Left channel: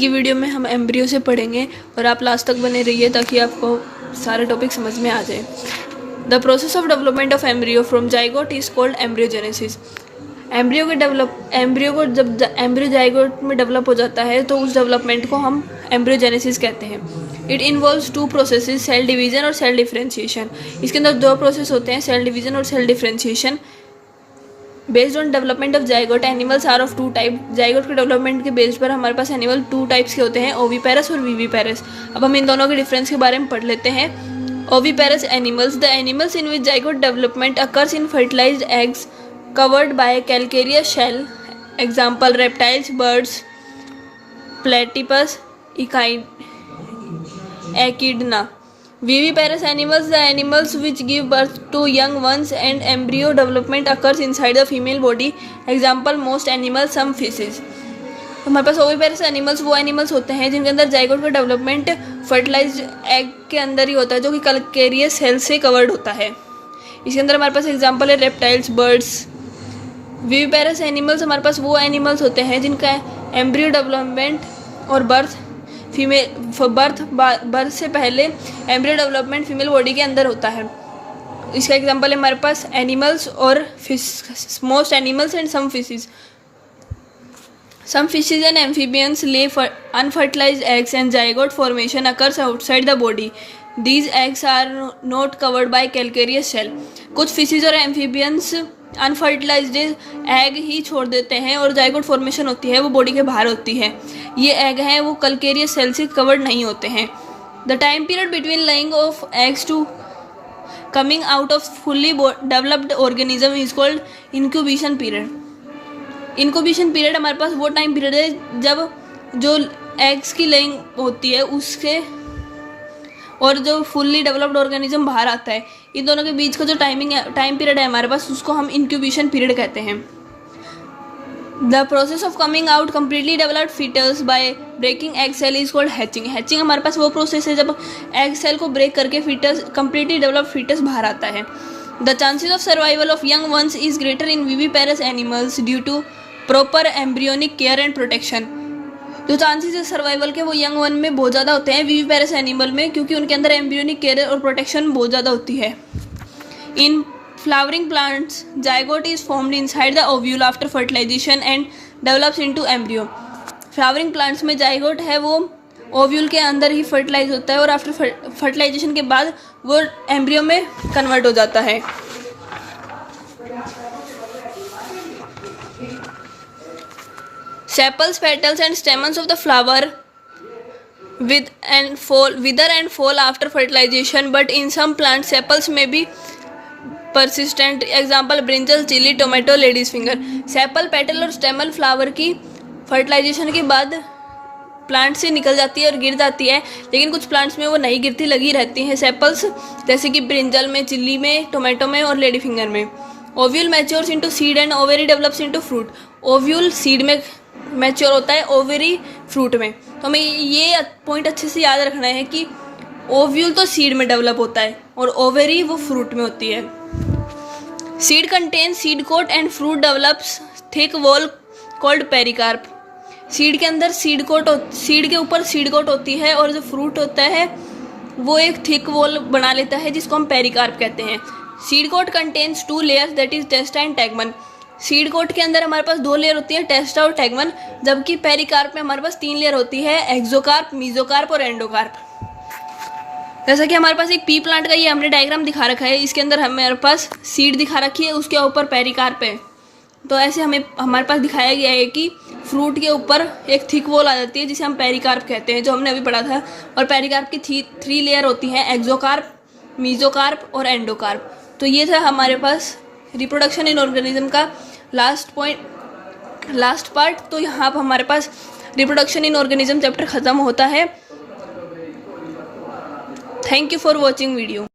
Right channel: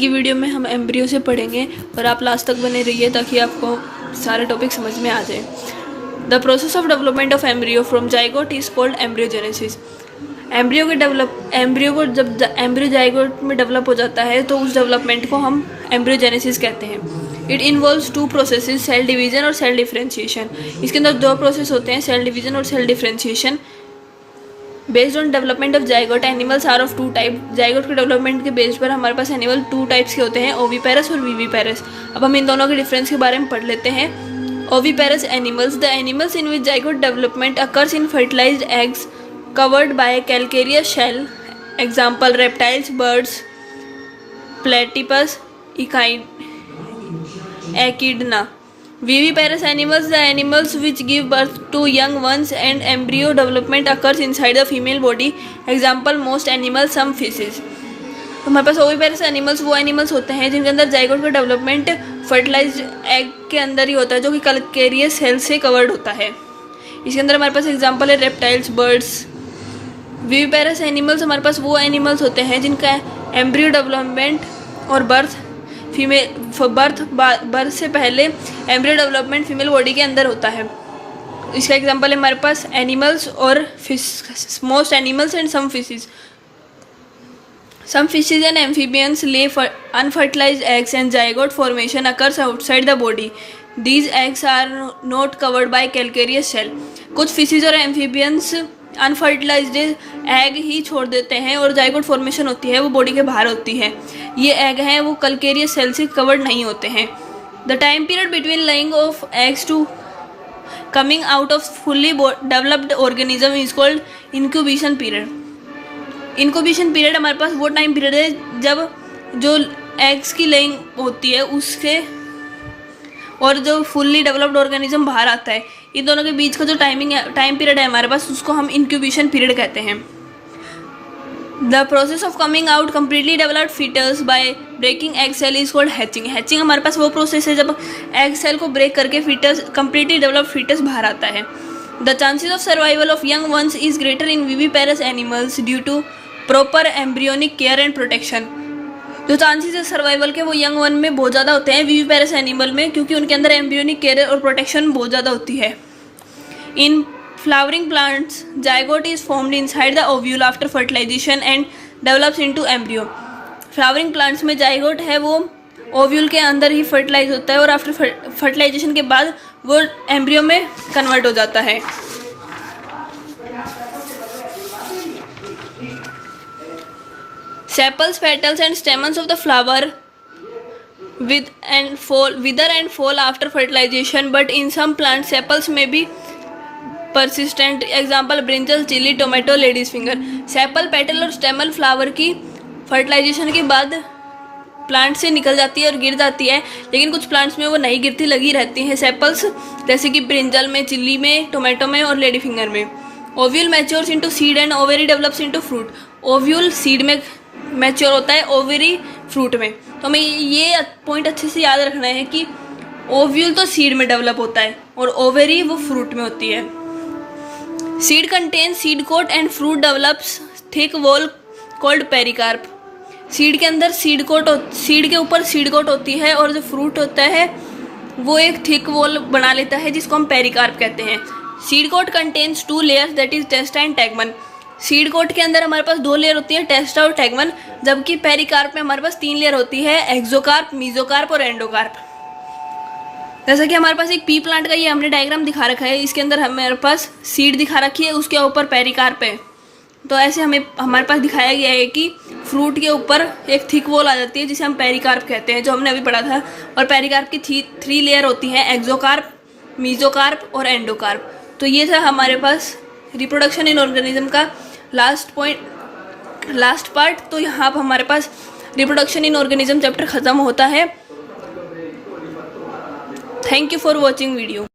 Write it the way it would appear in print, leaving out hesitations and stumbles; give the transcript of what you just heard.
की वीडियो में हम एम्ब्रियो से पढ़ेंगे और आप लास्ट तक बने रहिए ताकि आपको सारे टॉपिक समझ में आ जाए। The process of development of embryo from zygote is called embryogenesis. Embryo को जब एम्ब्रियो जाइगोट में डेवलप हो जाता है तो उस डेवलपमेंट को हम एम्ब्रियोजेनेसिस कहते हैं। It involves two processes, cell division और सेल डिफरेंशिएशन। इसके अंदर दो प्रोसेस होते हैं, सेल डिवीजन और cell differentiation. Based on development of zygote, animals are of two type. Zygote के डेवलपमेंट के बेस पर हमारे पास एनिमल टू टाइप्स के होते हैं, ओविपेरस और विविपेरस। अब हम इन दोनों के डिफरेंस के बारे में पढ़ लेते हैं। Oviparous animals, the animals in which zygote development occurs in fertilized eggs covered by a calcareous shell. Example: reptiles, birds, platypus, echidna. Viviparous animals, the animals which give birth to young ones, and embryo development occurs inside the female body. Example: most animals, some fishes. तो हमारे पास oviparous animals वो animals होते हैं जिनके अंदर zygote का development fertilised egg के अंदर ही होता है, जो कि कैल्केरियस सेल से कवर्ड होता है। इसके अंदर हमारे पास एग्जांपल है रेप्टाइल्स, बर्ड्स। विविपेरस एनिमल्स हमारे पास वो एनिमल्स होते हैं जिनका एम्ब्रियो डेवलपमेंट और बर्थ से पहले एम्ब्रियो डेवलपमेंट फीमेल बॉडी के अंदर होता है। इसका एग्जांपल है हमारे पास एनिमल्स और fish, most animals and some fishes. Some fishes and amphibians lay unfertilized eggs and zygote formation occurs outside the body. These eggs are not covered by calcareous shell. कुछ फिशेस और amphibians unfertilized egg ही छोड़ देते हैं और zygote formation होती है वो बॉडी के बाहर होती है। ये एग हैं वो कैल्केरियस सेल से कवर्ड नहीं होते हैं। The time period between laying of eggs to coming out of fully developed organism is called incubation period. Incubation period हमारे पास वो टाइम पीरियड है जब जो एग्स की लेइंग होती है उससे और जो फुल्ली डेवलप्ड ऑर्गेनिज्म बाहर आता है, इन दोनों के बीच का जो टाइम पीरियड है हमारे पास उसको हम इंक्यूबेशन पीरियड कहते हैं। The process of coming out completely developed fetus by breaking egg cell is called hatching. Hatching हमारे पास वो प्रोसेस है जब एग सेल को ब्रेक करके फीटस कम्प्लीटली डेवलप्ड फीटस बाहर आता है। The chances of survival of young ones is greater in viviparous animals due to proper embryonic care and protection. जो चांसेस है सर्वाइवल के वो यंग वन में बहुत ज़्यादा होते हैं विविपेरस एनिमल में, क्योंकि उनके अंदर एम्ब्रियोनिक केयर और प्रोटेक्शन बहुत ज़्यादा होती है। In flowering plants zygote is formed inside the ovule after fertilization and develops into embryo. Flowering plants में जाइगोट है वो ओव्यूल के अंदर ही फर्टिलाइज होता है और आफ्टर फर्टिलाइजेशन के बाद वो एम्ब्रियो में कन्वर्ट हो जाता है। Sepals, petals and stamens of the flower wither and fall after fertilization, but in some plants sepals may be persistent. Example: brinjal, chili, tomato, lady's finger. Sepal, petal और स्टेमल flower की fertilisation के बाद plant से निकल जाती है और गिर जाती है, लेकिन कुछ प्लांट्स में वो नहीं गिरती, लगी रहती हैं सेपल्स, जैसे कि ब्रिंजल में, चिल्ली में, टोमेटो में और लेडी फिंगर में। Ovule matures into seed and ovary develops into fruit. Ovule seed में मैच्योर होता है, ओवेरी फ्रूट में। तो हमें ये पॉइंट अच्छे से याद रखना है कि ओव्यूल तो सीड में डेवलप होता है और ओवेरी वो फ्रूट में होती है। Seed contain seed coat and fruit develops thick wall called pericarp. Seed के अंदर सीड के ऊपर सीड कोट होती है और जो फ्रूट होता है वो एक थिक वॉल बना लेता है जिसको हम पेरिकार्प कहते हैं। Seed coat contains two layers, that is testa and tegmen. Seed coat के अंदर हमारे पास दो लेयर होती है, टेस्टा और टैगमन, जबकि पेरिकार्प में हमारे पास तीन लेयर होती है, एक्सोकार्प, मीजोकार्प और एंडोकार्प। जैसा कि हमारे पास एक पी प्लांट का ये हमने डायग्राम दिखा रखा है, इसके अंदर हमारे पास सीड दिखा रखी है, उसके ऊपर पेरिकार्प है। तो ऐसे हमारे पास दिखाया गया है कि फ्रूट के ऊपर एक थिक वॉल आ जाती है जिसे हम पेरिकार्प कहते हैं, जो हमने अभी पढ़ा था। और पेरिकार्प की थ्री लेयर होती है, एक्सोकार्प, मीजोकार्प और एंडोकार्प। तो ये था हमारे पास रिप्रोडक्शन इन ऑर्गेनिज्म का लास्ट पार्ट। तो यहाँ पर हमारे पास रिप्रोडक्शन इन ऑर्गेनिज्म चैप्टर खत्म होता है। Thank you for watching video.